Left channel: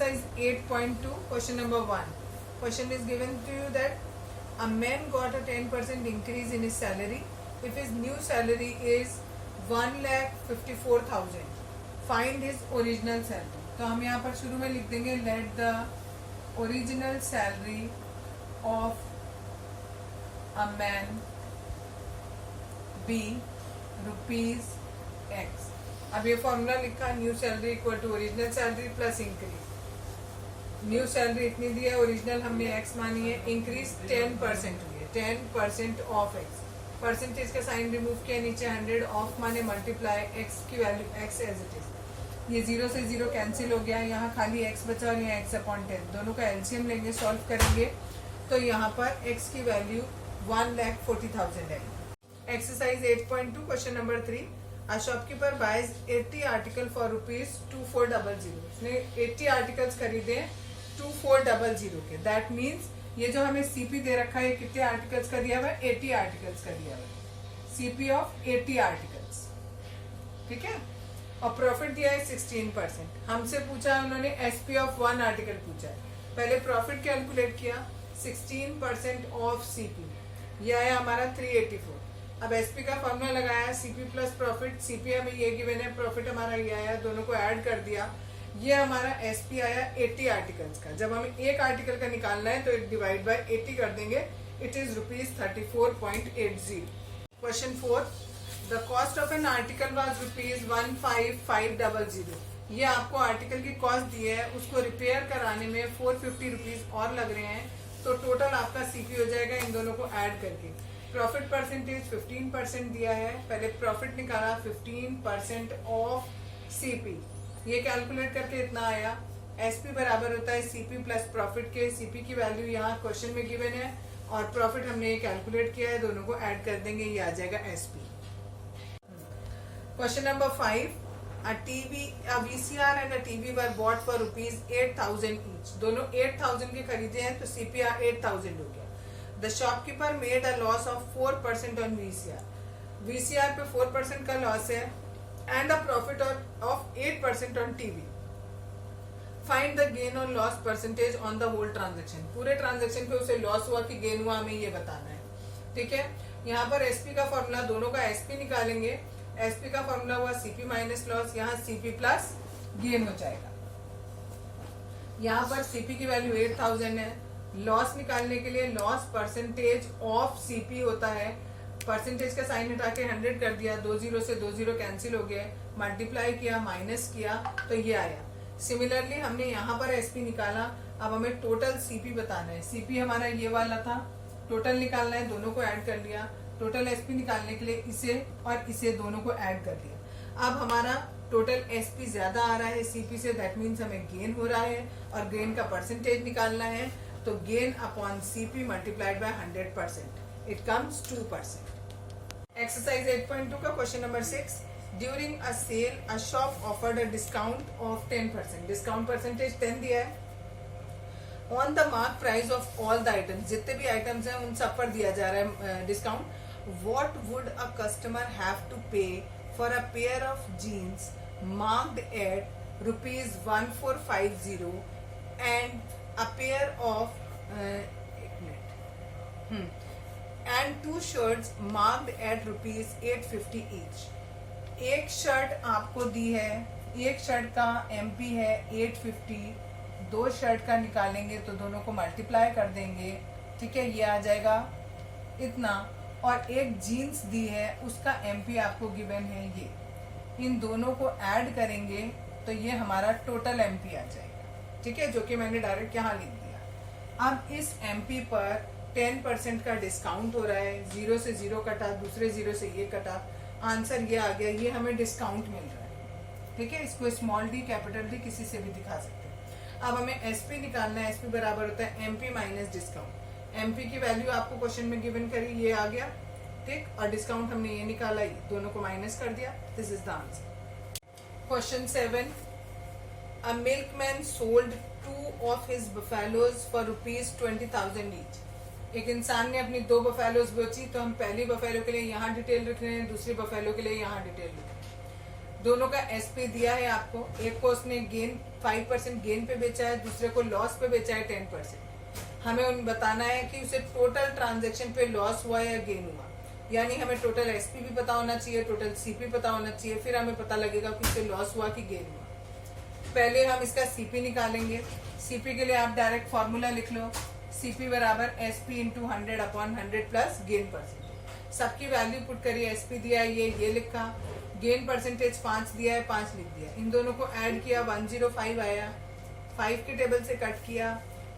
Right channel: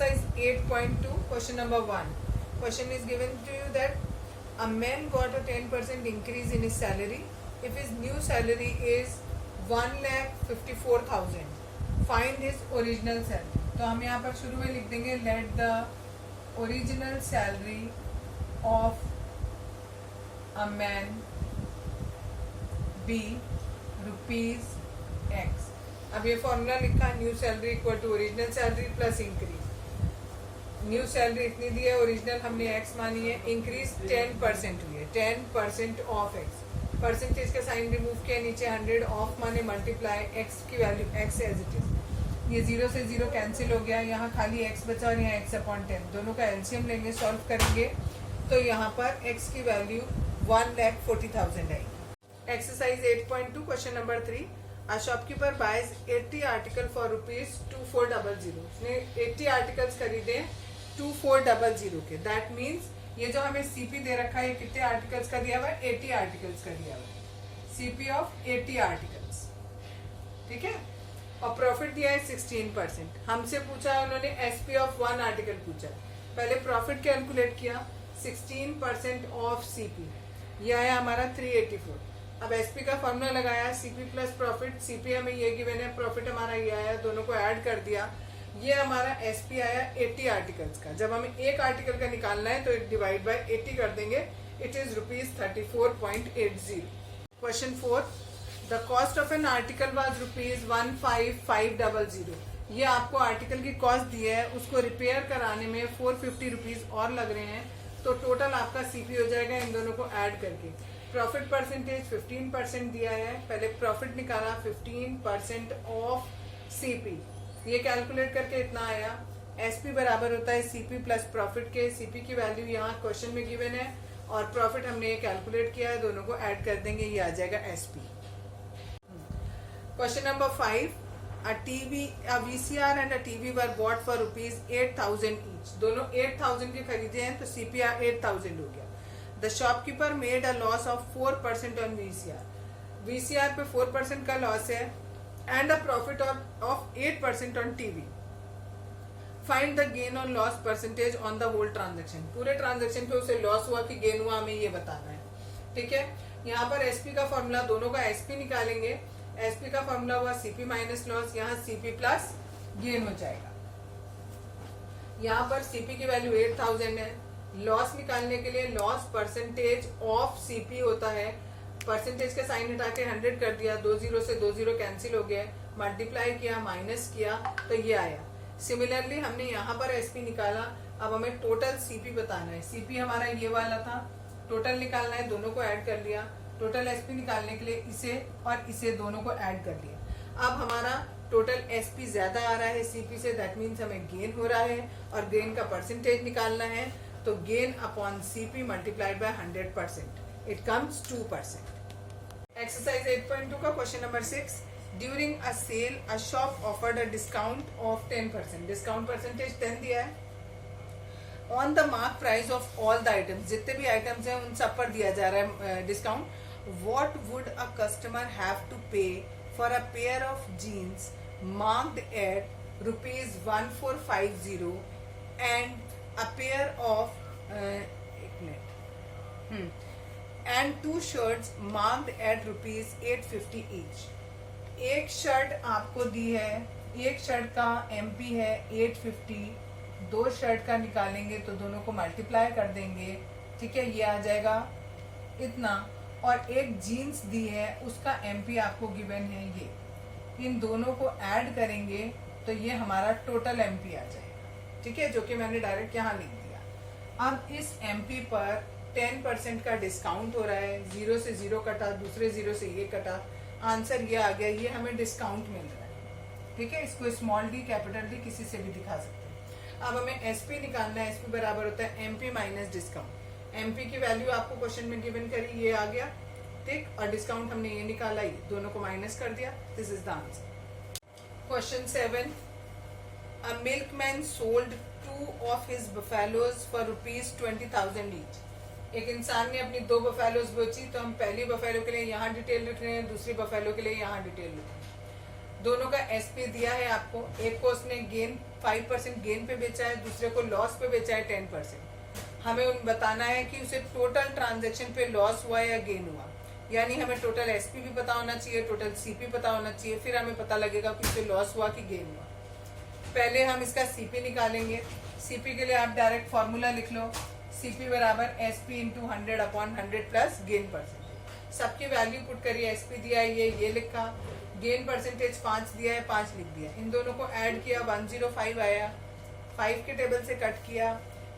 Exercise 8.2, question number 1. Question is given to you that a man got a 10% increase in his salary if his new salary is 1,54,000. Find his original salary. तो हम यहाँ पर शुरू में लिख देंगे let the original salary of a man be rupees X. अब ये फॉर्मूला लिखा, new salary equal to original salary plus increase. New salary इतनी दी है, ओरिजिनल हमने एक्स मानी है, इंक्रीज 10% हुई है, 10% ऑफ एक्स। परसेंटेज का साइन रिमूव किया, नीचे 100 ऑफ माने मल्टीप्लाई एक्स की value x as it is. ये 0 से 0 कैंसिल हो गया, यहाँ खाली एक्स बचा और यहाँ एक्स अपॉन 10। दोनों का एलसीएम लेंगे, सॉल्व करेंगे तो यहाँ पर एक्स की वैल्यू 1,40,000 है। Exercise 8.2 question number 3। A shopkeeper buys 80 article for rupees 2400. उसने 80 आर्टिकल्स खरीदे 2400 के। दैट मीन्स ये जो हमें सीपी दे रखा है, कितने आर्टिकल्स का दिया हुआ है? 80 आर्टिकल्स का दिया हुआ है। सीपी ऑफ 80 आर्टिकल्स, ठीक है। और प्रॉफिट दिया है 16%। हमसे पूछा उन्होंने एसपी ऑफ 1 आर्टिकल पूछा। पहले प्रॉफिट कैलकुलेट किया, 16% ऑफ सीपी, यह है हमारा 384। अब एसपी का फॉर्मूला लगाया, सीपी प्लस प्रॉफिट। सीपी हमें ये गिवन है, प्रॉफिट हमारा ये आया, दोनों को ऐड कर दिया, ये हमारा एसपी आया 80 आर्टिकल्स का। जब हमें एक आर्टिकल का निकालना है तो डिवाइड बाय 80 कर देंगे, it is rupees 34.80। Question 4, the cost of N article was rupees 15500। ये आपको आर्टिकल की कॉस्ट दी है, उसको रिपेयर कराने में 450 रुपीज और लग रहे हैं, तो टोटल आपका सीपी हो जाएगा इन दोनों को ऐड करके। प्रॉफिट परसेंटेज 15% दिया है, पहले प्रॉफिट निकाला 15% ऑफ सीपी, ये कैलकुलेट करके इतना आया। एसपी बराबर होता है सीपी प्लस प्रॉफिट के। सीपी की वैल्यू यहाँ क्वेश्चन में गिवन है और प्रॉफिट हमने ये कैलकुलेट किया है, दोनों को ऐड कर देंगे, ये आ जाएगा SP. Question number 5, a VCR and a TV were bought for rupees 8,000 each. दोनों 8,000 के खरीदे हैं तो CPR 8,000 हो गया। The shopkeeper made a loss of 4% on VCR. VCR पे 4% का लॉस है and a profit of 8% on TV. Find the gain or loss percentage on the whole transaction. पूरे ट्रांजेक्शन पे उसे लॉस हुआ कि गेन हुआ, हमें ये बताना है, ठीक है। यहाँ पर एसपी का फॉर्मूला, दोनों का एसपी निकालेंगे। एसपी का फॉर्मूला हुआ सीपी माइनस लॉस, यहाँ सीपी प्लस गेन हो जाएगा। यहाँ पर सीपी की वैल्यू 8,000 है। लॉस निकालने के लिए लॉस परसेंटेज ऑफ सीपी होता है, परसेंटेज का साइन हटा के 100 कर दिया, 20 से 20 कैंसिल हो गया, मल्टीप्लाई किया, माइनस किया तो ये आया। सिमिलरली हमने यहाँ पर एसपी निकाला, अब हमें टोटल सीपी बताना है। सीपी हमारा ये वाला था, टोटल निकालना है, दोनों को ऐड कर लिया। टोटल एसपी निकालने के लिए इसे और इसे दोनों को ऐड कर दिया। अब हमारा टोटल एसपी ज्यादा आ रहा है सीपी से, दैट मीन्स हमें गेन हो रहा है और गेन का परसेंटेज निकालना है, तो gain upon CP multiplied by 100%, it comes 2%। Exercise 8.2 का question number 6, during a sale a shop offered a discount of 10%। Discount percentage 10 दिया है। On the mark price of all the items, जितने भी items हैं उन सब पर दिया जा रहा है discount. What would a customer have to pay for a pair of jeans marked at rupees 1450 and a pair of and 2 shirts marked at rupees 850 each. एक शर्ट आपको दी है, एक शर्ट का एमपी है 850, 2 शर्ट का निकालेंगे तो दोनों को मल्टीप्लाई कर देंगे, ठीक है, ये आ जाएगा इतना। और एक जीन्स दी है, उसका एमपी आपको गिवन है ये, इन दोनों को ऐड करेंगे तो ये हमारा टोटल एमपी आ जाएगा, ठीक है, जो कि मैंने डायरेक्ट यहाँ लिख दिया। अब इस एमपी पर 10% का डिस्काउंट हो रहा है, 0 से 0 कटा, दूसरे 0 से ये कटा, आंसर ये आ गया, ये हमें डिस्काउंट मिल रहा है, ठीक है। इसको स्मॉल डी कैपिटल डी किसी से भी दिखा सकते हैं। अब हमें एसपी निकालना है, एसपी बराबर होता है एमपी माइनस डिस्काउंट। एमपी की वैल्यू आपको क्वेश्चन में गिवन करी, ये आ गया, ठीक, और डिस्काउंट हमने ये निकाला, ये दोनों को माइनस कर दिया, this is the answer. Question 7, a milkman sold 2 of his buffaloes for rupees 20,000 each. एक इंसान ने अपनी 2 बफेलोज बेची, तो हम पहली बफेलो के लिए यहाँ डिटेल लिख रहे हैं, दूसरी बफेलो के लिए यहाँ डिटेल लिख रहे हैं। दोनों का एसपी दिया है आपको, एक को उसने गेन 5% गेन पे बेचा है, दूसरे को लॉस पे बेचा है 10%। हमें उन बताना है कि उसे टोटल ट्रांजेक्शन पे लॉस हुआ या गेन हुआ, यानी हमें टोटल एसपी भी पता होना चाहिए, टोटल सीपी पता होना चाहिए, फिर हमें पता लगेगा कि उसे लॉस हुआ कि गेन हुआ। पहले हम इसका सीपी निकालेंगे। सीपी के लिए आप डायरेक्ट फॉर्मूला लिख लो, सीपी बराबर SP into 100/100 plus gain percentage. सबकी वैल्यू पुट करिए, एसपी दिया है ये लिखा, गेन परसेंटेज 5 दिया है 5 लिख दिया। इन दोनों को ऐड किया 105 आया, 5 के टेबल से कट किया,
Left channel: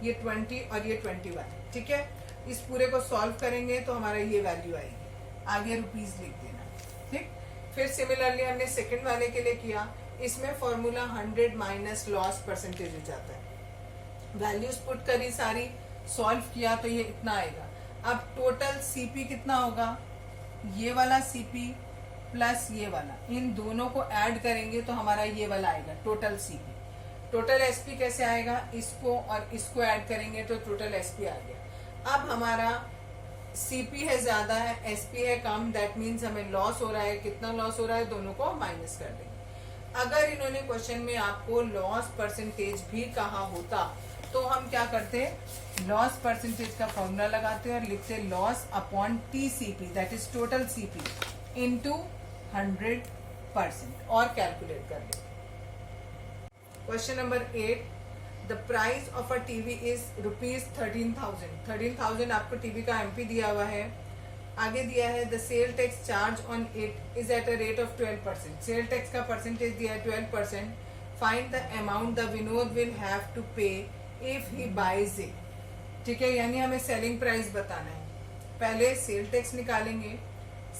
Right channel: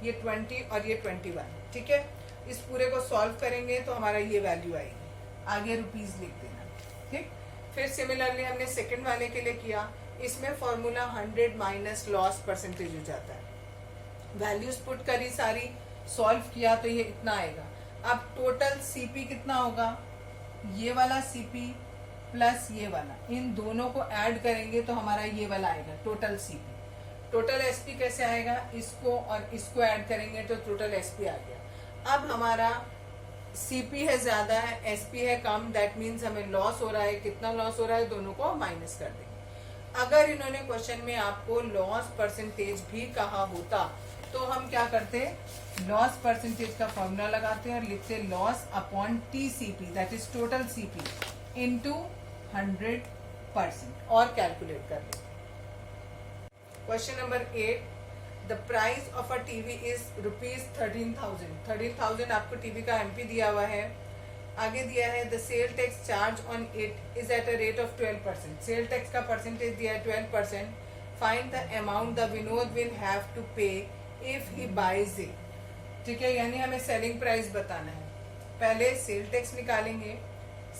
ये 20 और ये 21, ठीक है। इस पूरे को सॉल्व करेंगे तो हमारा ये वैल्यू आएगी, आगे रुपीज लिख देना, ठीक। फिर सिमिलरली हमने सेकंड वाले के लिए किया, इसमें फॉर्मूला 100 माइनस लॉस परसेंटेज हो जाता है। वैल्यूज पुट करी सारी, सॉल्व किया तो ये इतना आएगा। अब टोटल सीपी कितना होगा, ये वाला सीपी प्लस ये वाला, इन दोनों को ऐड करेंगे तो हमारा ये वाला आएगा टोटल सीपी। टोटल एसपी कैसे आएगा, इसको और इसको ऐड करेंगे तो टोटल एसपी आ गया। अब हमारा सीपी है ज्यादा है, एसपी है कम, दैट मीन्स हमें लॉस हो रहा है। कितना लॉस हो रहा है, दोनों को माइनस कर देंगे। अगर इन्होंने क्वेश्चन में आपको लॉस परसेंटेज भी कहा होता तो हम क्या करते, लॉस परसेंटेज का फॉर्मूला लगाते और लिखते loss upon TCP, that is total CP into 100% और कैलकुलेट कर लेते। Question number 8, the price of a TV is ₹13,000। 13,000 आपको टीवी का एमपी दिया हुआ है। आगे दिया है the sale tax charge on it is at a rate of 12%। Sale tax का परसेंटेज दिया है 12%। Find the amount the Vinod will have to pay if he buys it. ठीक है, यानी हमें सेलिंग प्राइस बताना है। पहले सेल टैक्स निकालेंगे,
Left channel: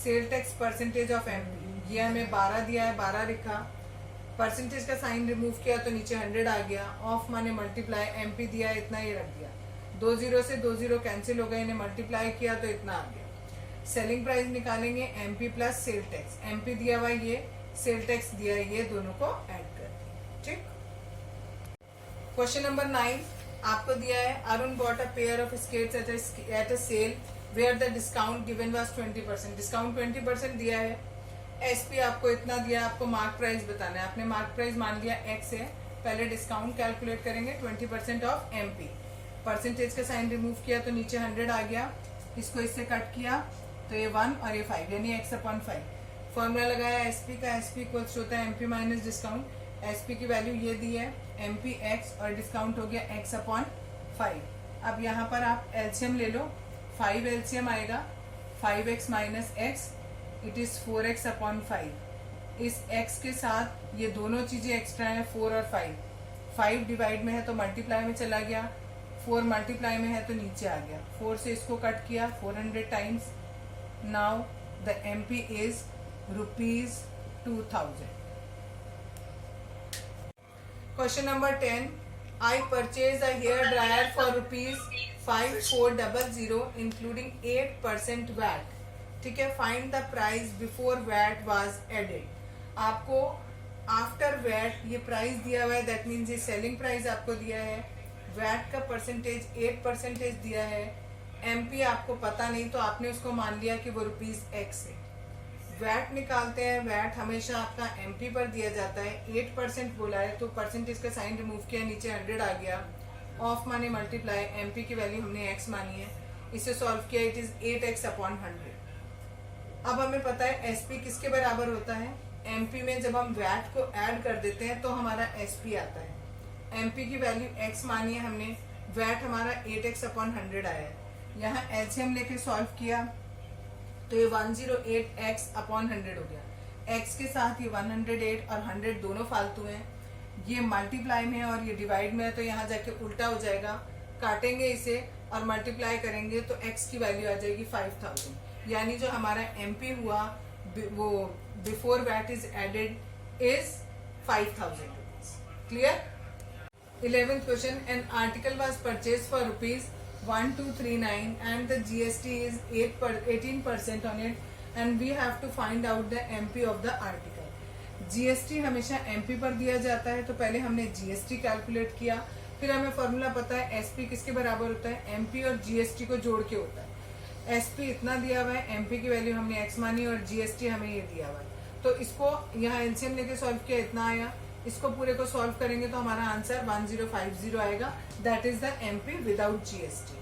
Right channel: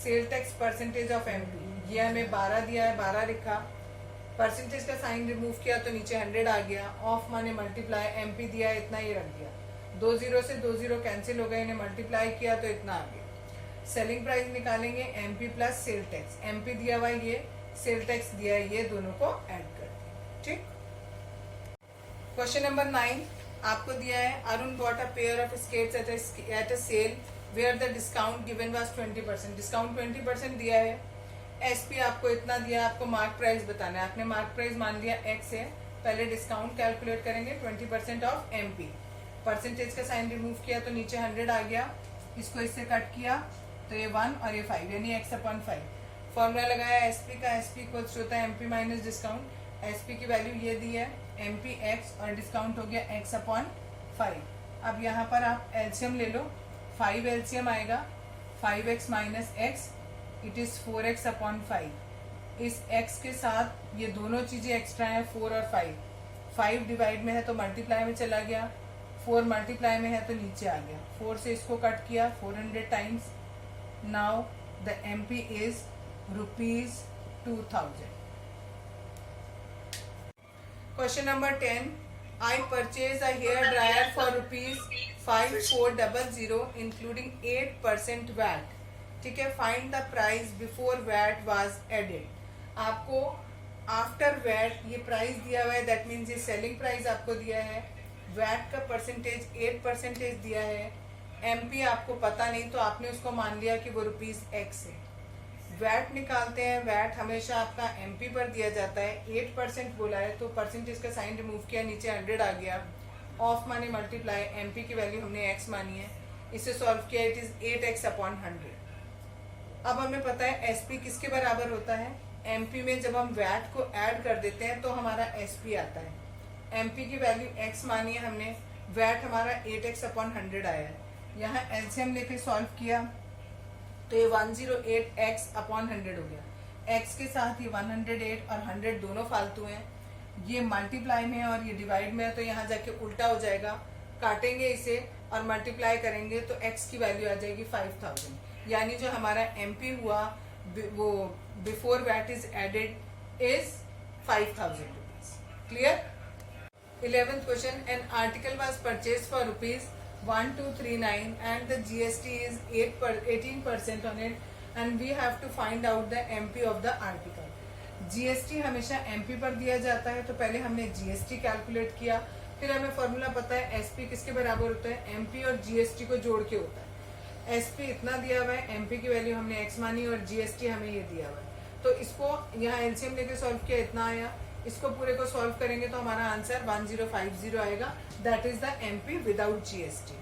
sale tax percentage of MP, ये हमें 12 दिया है, 12 लिखा, परसेंटेज का साइन रिमूव किया तो नीचे 100 आ गया, ऑफ माने मल्टीप्लाई, एमपी दिया है इतना ही रख दिया, 2 जीरो से 2 जीरो कैंसिल हो गए, इन्हें मल्टीप्लाई किया तो इतना आ गया। सेलिंग प्राइस निकालेंगे MP plus sale tax, MP दिया हुआ ये, सेल टैक्स दिया है ये, दोनों को ऐड कर दिया। ठीक। क्वेश्चन नंबर 9 आपको दिया है Arun bought a pair of skates at a sale where the discount given was 20%। Discount 20% दिया है, एसपी आपको इतना दिया है, आपको मार्क प्राइस बताना है। आपने मार्क प्राइस मान लिया एक्स है, पहले डिस्काउंट कैलकुलेट करेंगे 20% ऑफ एमपी, परसेंटेज का साइन रिमूव किया तो नीचे 100 आ गया, इसको इससे कट किया तो ये 1 और ये 5 यानी x/5। फॉर्मूला लगाया एसपी का, एसपी इक्वल्स होता है एमपी माइनस डिस्काउंट। एसपी की वैल्यू ये दी है एमपी एक्स और डिस्काउंट हो गया x/5। अब यहाँ पर आप एलसीएम ले लो, 5 एलसीएम आएगा, 5x minus x it is 4x/5। इस x के साथ ये दोनों चीजें एक्स्ट्रा है 4 और 5, 5 डिवाइड में है तो मल्टीप्लाई में चला गया, 4 मल्टीप्लाई में है तो नीचे आ गया, 4 से इसको कट किया 400 times. Now the MP is ₹2000। Question number 10, I purchase a hair dryer for ₹5400 including 8% VAT. ठीक है, find the price before VAT was added. आपको आफ्टर वैट ये प्राइस दिया हुआ है, दैट मीन्स ये सेलिंग प्राइस आपको दिया है, वैट का परसेंटेज 8% दिया है, एमपी आपको पता नहीं तो आपने उसको मान लिया कि वो ₹X है। वैट निकालते हैं, वैट हमेशा आपका एमपी पर दिया जाता है, 8% बोला है तो परसेंटेज का साइन रिमूव किया, नीचे 100 आ गया, ऑफ माने मल्टीप्लाई, एमपी की वैल्यू हमने x मानी है, इसे सॉल्व किया, इट इज 8x/100। अब हमें पता है एसपी किसके बराबर होता है, एमपी में जब हम वैट को ऐड कर देते हैं तो हमारा एसपी आता है। एमपी की वैल्यू x मानी है हमने, वैट हमारा 8x/100 आया है, यहाँ एलसीएम लेके सॉल्व किया तो ये 108x/100 हो गया। x के साथ ये 108 और 100 दोनों फालतू हैं, ये मल्टीप्लाई में है और ये डिवाइड में है तो यहाँ जाके उल्टा हो जाएगा, काटेंगे इसे और मल्टीप्लाई करेंगे तो x की वैल्यू आ जाएगी 5000, यानी जो हमारा एमपी हुआ वो before VAT is added is 5000 rupees. Clear. 11th question, an article was purchase for ₹1239 and the GST is 18% on it and we have to find out the MP of the article। GST हमेशा MP पर दिया जाता है तो पहले हमने GST calculate किया, फिर हमें फॉर्मूला पता है SP किसके बराबर होता है, MP और GST को जोड़ के होता है। SP इतना दिया हुआ है, MP की वैल्यू हमने X मानी और GST हमें ये दिया हुआ है। तो इसको यहाँ एलसीएम लेके सॉल्व किया, इतना आया। इसको पूरे को सॉल्व करेंगे तो हमारा आंसर 1050 आएगा। That is the MP without GST.